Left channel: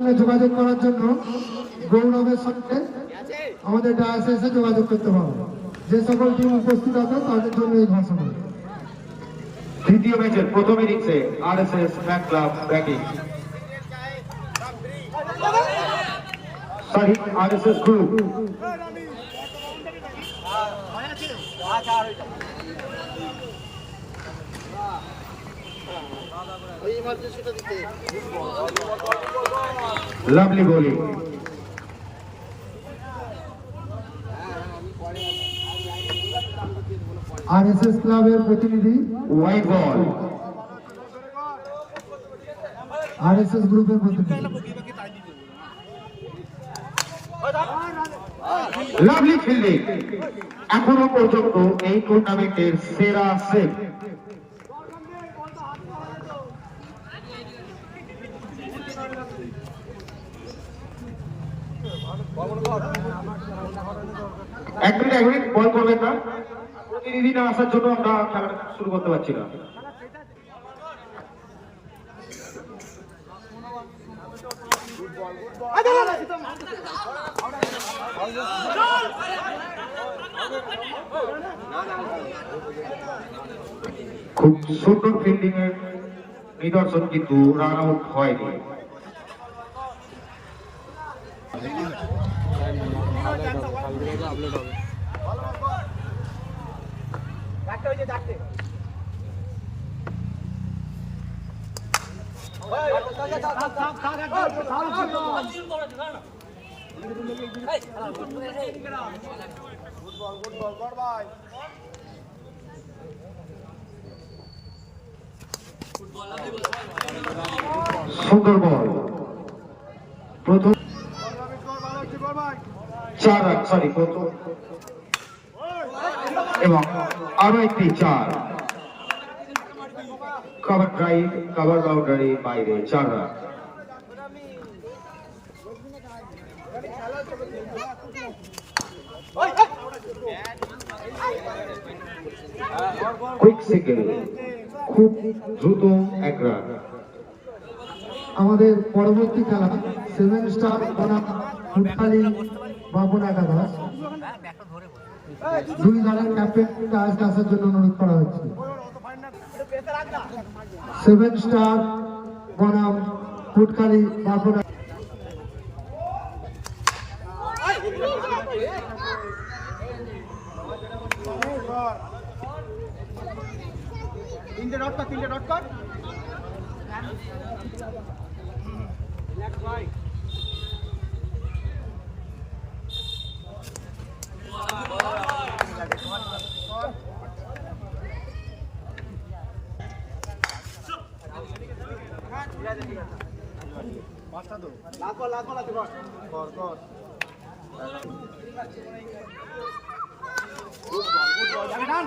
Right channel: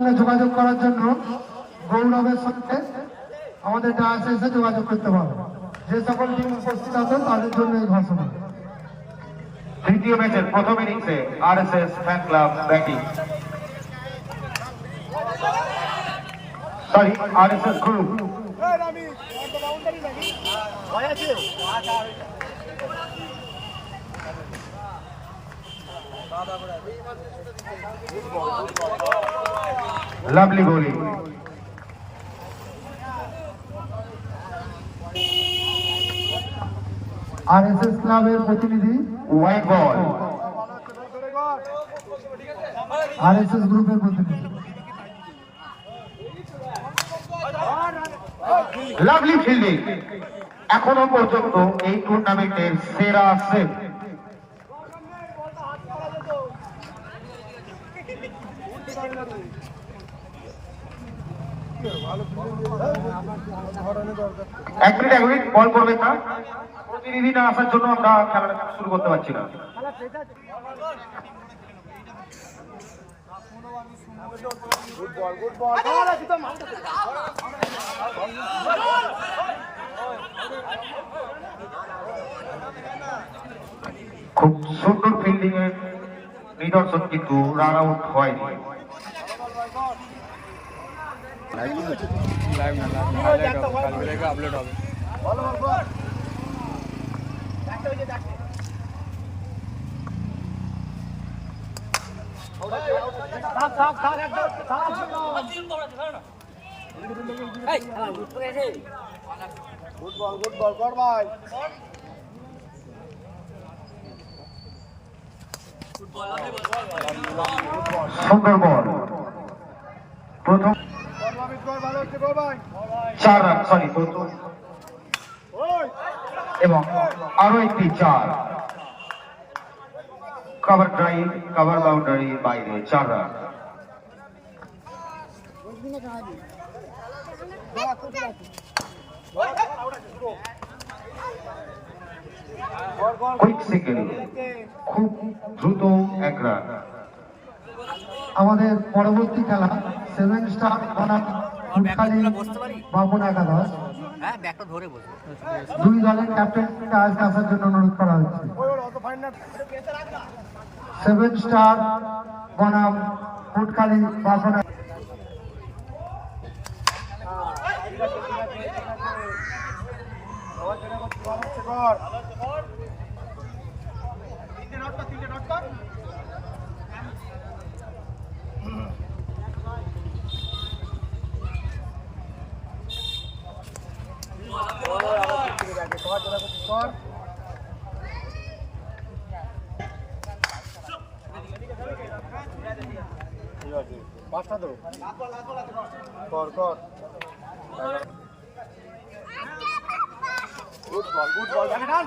সঙ্গে যোগাযোগ করার জন্য গৌরবের সঙ্গে আমাদের ডায়াসে এসে যোগাযোগ করতে পারবে। যে সকল টিম উপস্থিত আছে তাদের জন্য এই ঘোষণা। তৃতীয় ম্যাচের প্রথম ইনিংসে RSS fan club batting. Sorry RSS group lovely bowling R S S ক্লাবের প্রতিনিধি white ball R S S গ্রুপের প্রতিনিধি। লাভলি ফিল্ডিং এখনও পর্যন্ত এই টুর্নামেন্টের সেরা সেট এক মিনিট এক মিনিট, বল না প্রতিনিধি না আসার জন্য আমরা খেলাটা শুরু করতে পারছি না। খুব সুন্দর ফিল্ডিং এর নিদর্শন কিন্তু রান আউট হয়নি। লাইভ না লাইভ না হাইলাইট হবে কালকে থেকে আপলোড হবে সুন্দর বল চার রান সরি এবং আরও একটি চার। কভার ড্রাইভ কভার বাউন্ডারি বাইরে, চার রান। খুব দ্রুত এক রান। আমাদের পরবর্তী খেলা সেভেন স্টার বাবন একাদশ। দুই দলের ক্যাপ্টেনকে আজকে আসার জন্য অনুরোধ করা হচ্ছে সেভেন স্টার বনাম ফুটখালি বাবন তিনটে ডট কর তিনটে ডট কর। তো লাগো লাগো লাগো কর কর। গুড বল গুড বল ডান ডান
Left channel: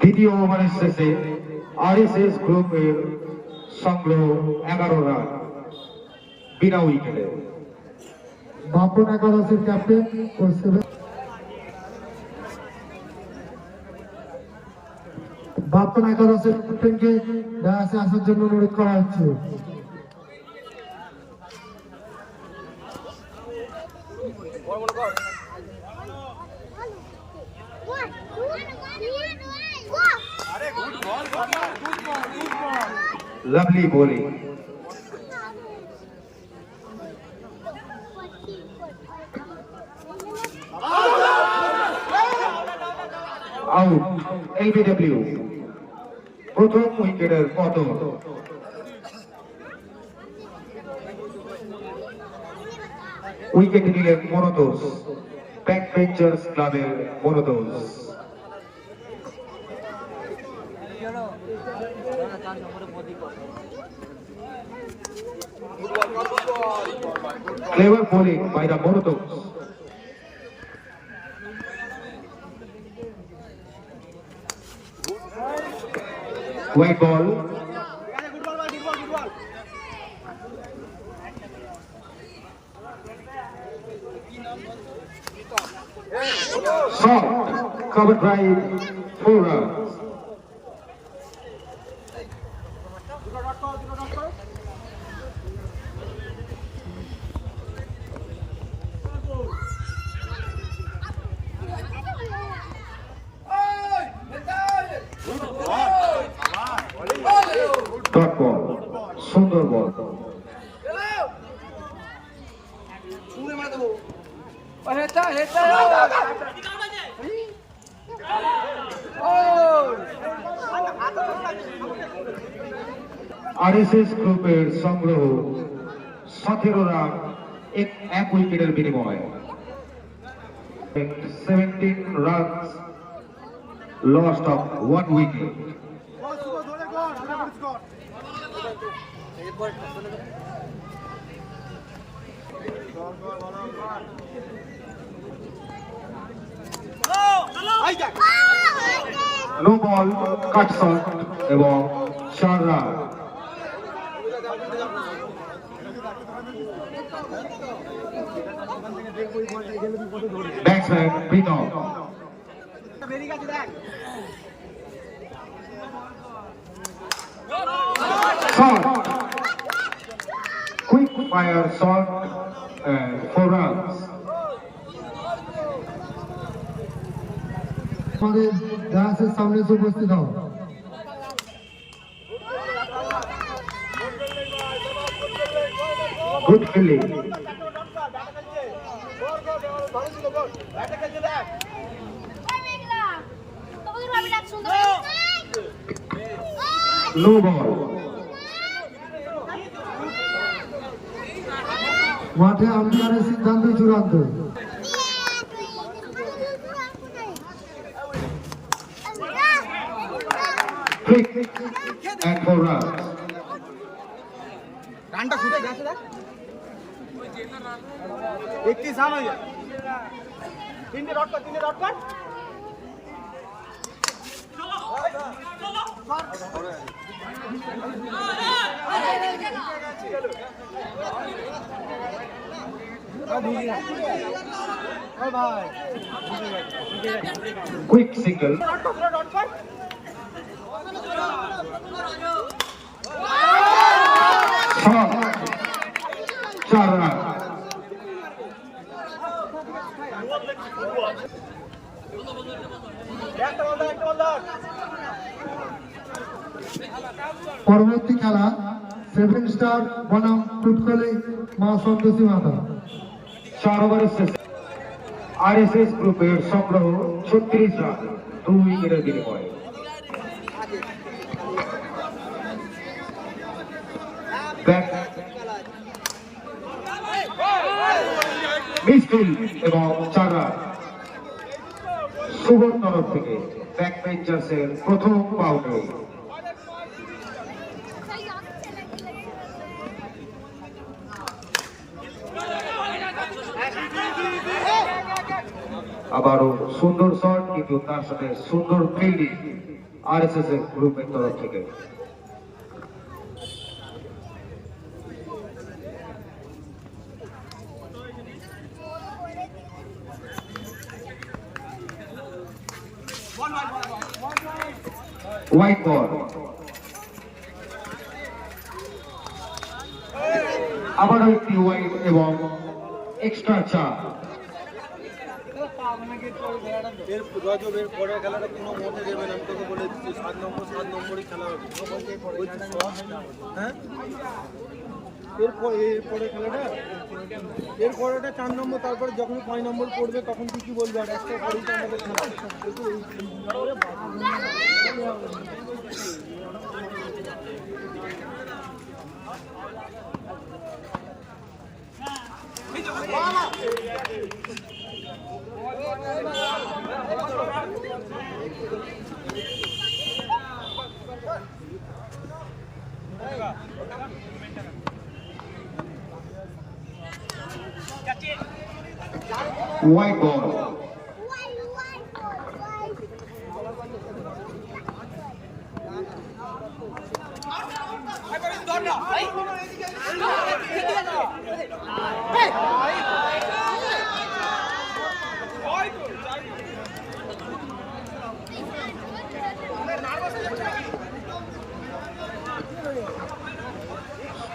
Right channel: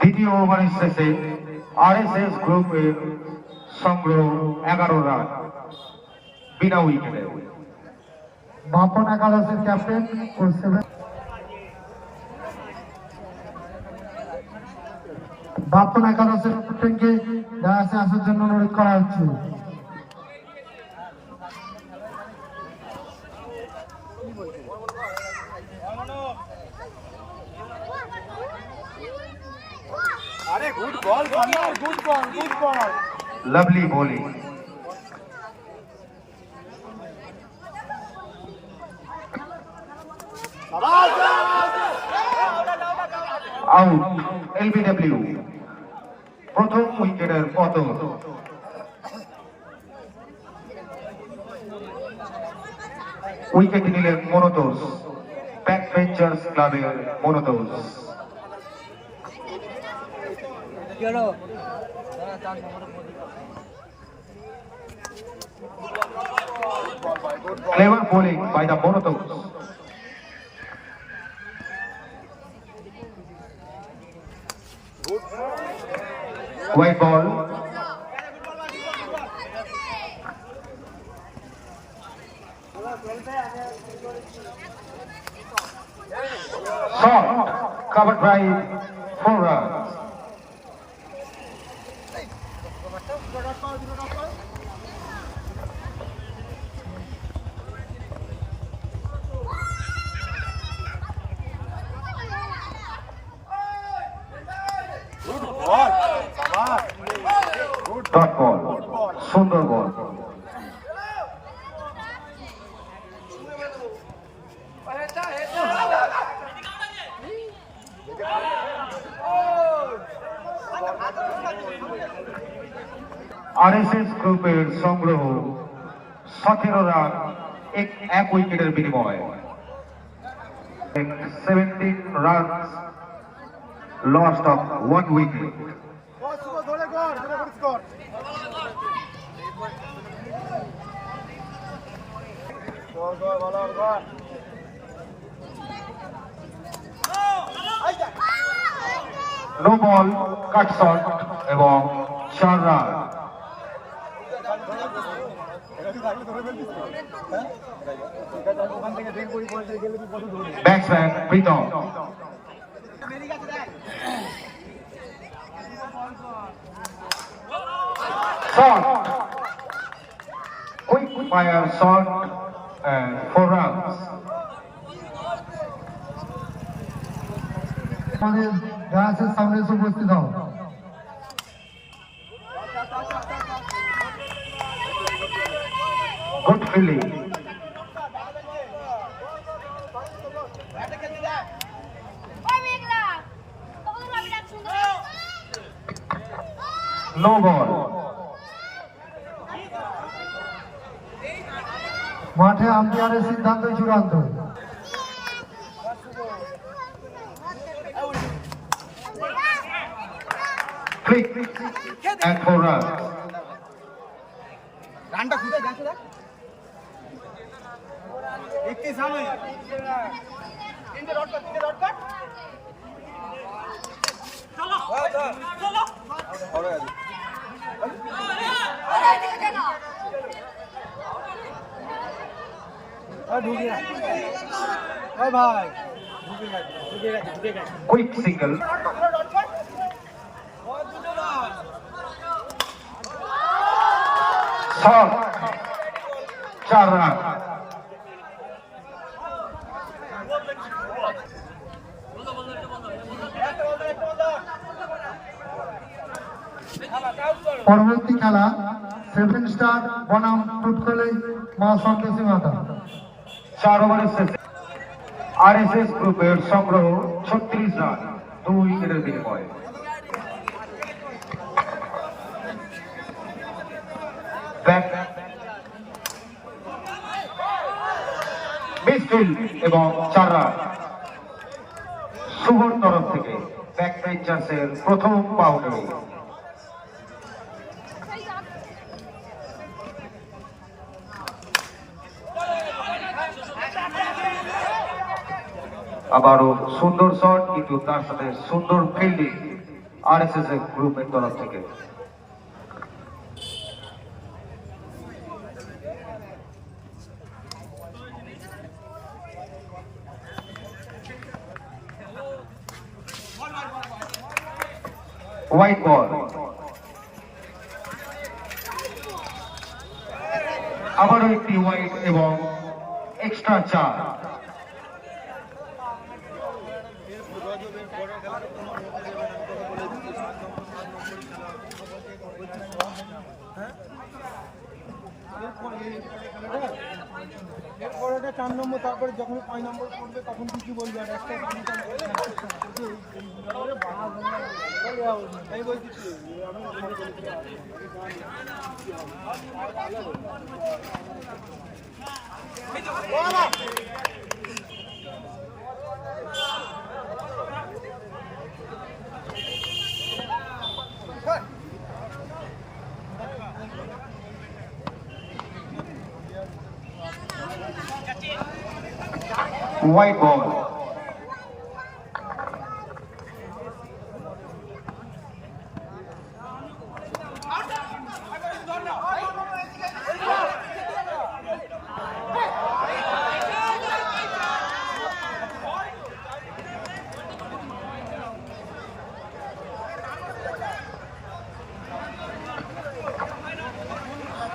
দ্বিতীয় ওভারের শেষে আরএসএস গ্রুপের সংগ্রহ এগারো রান বিনা উইকেটে। বাপন একাদশের ক্যাপ্টেন ও বাপন একাদশের ক্যাপ্টেনকে ডায়াসে আসার জন্য অনুরোধ করা হচ্ছে। আরে গুড বল সামনে good ball good ball lovely bowling out LBW প্রথম উইকেটের পতন উইকেট নিলেন মনোতোষ ব্যাক বেঞ্চার্স ক্লাবের মনোতোষ। চার নম্বরে Modi clever bowling White ball. Shot. Covered by four dot ball সুন্দর বল আরএসএস গ্রুপের সংগ্রহ সতেরো রান, এক এক উইকেটের বিনিময়ে। Seventeen run lost of one wicket no ball cut shot এবং চার রান ওখান থেকে দেখব ওই বলটা গেলে তুই কত ধরবি ব্যাটসম্যান প্রীতম বেরিয়ে গেছে দেখ shot. And four runs. আমাদের ডায়াসের সামনে উপস্থিত হও Good fielding. ব্যাটে খেলতে দেখ No ball. মাঠে আম্পায়ারের সিদ্ধান্ত চূড়ান্ত. রানটা খুঁজে গেছে দেখ। একত্রিশ রান হয়ে যায় তিনটে ডট কর তিনটে ডট কর। ও কর Shot. চার রান পরবর্তী খেলা সেভেন স্টার বনাম টুটকলি মা সন্তোষী মাতা। চার ওভারের শেষে গ্রুপের সংগ্রহ ছত্রিশ রান, দুই এবং চার রান। তরফ থেকে ব্যাক পেঞ্চার্সের প্রথম বাউন্ডারি আবারও সুন্দর শট, কিন্তু তার সাথে সুন্দর ফিল্ডিং আরএসএস এর গ্রুপের তরফ থেকে। আবারও একটি হোয়াইট এবং এক্সট্রা চার। এর রাজুর এর পরের খেলাটা কোনো মতে দেবে না তোকে বলে দিচ্ছি, সাত নম্বর, সাত নম্বরই খেলা হবে। হ্যাঁ? এরপরে এরপরে চার নম্বর, তারপরে যখন পাঁচ নম্বর পড়বে তখন তুই কি বলবি? আর একটা পরেই তো আমাদের খেলা। নম্বরে নম্বর white ball.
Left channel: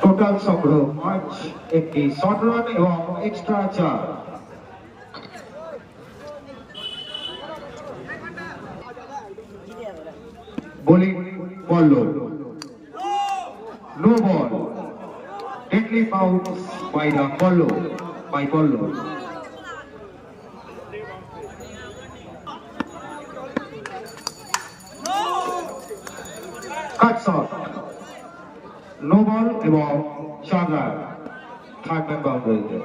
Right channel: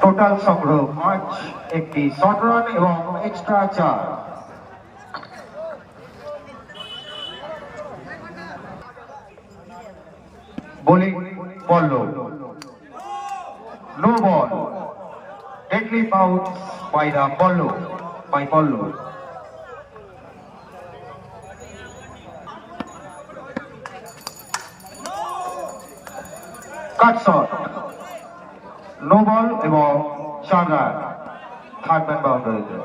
Total Sokro, March Extra Charge. Pallab no ball the Polo by Polo cut shot no ball এবং চার রান থার্ড ম্যান বাউন্ডারিতে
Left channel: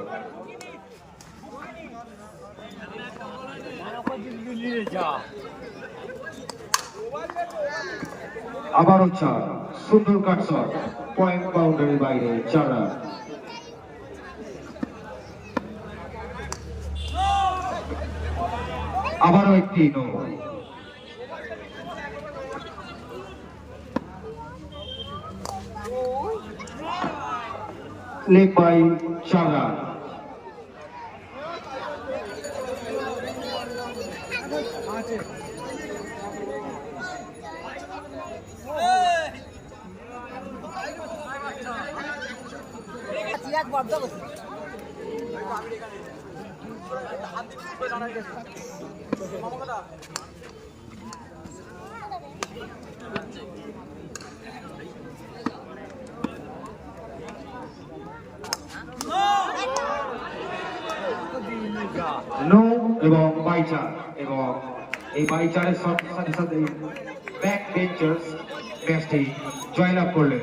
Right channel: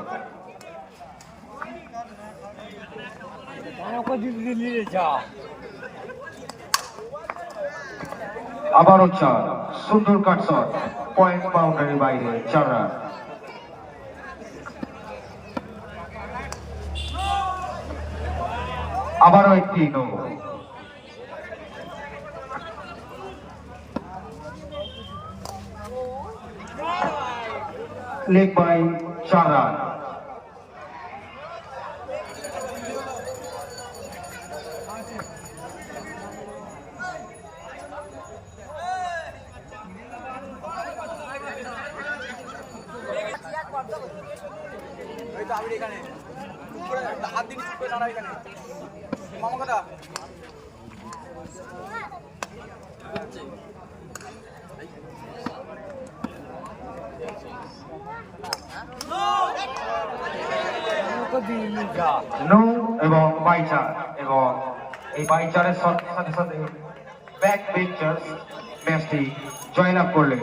আবারও চার। সুন্দর কাট শট। পয়েন্ট বাউন্ডারির বাইরে চার রান। আবারও একটি নো। লেগ বাই চার রান। নো এবং বাইচার এবং এই বাইচারের সাথে সাথে ব্যাক বেঞ্চার্স ম্যাচটি জয়লাভ করলেন।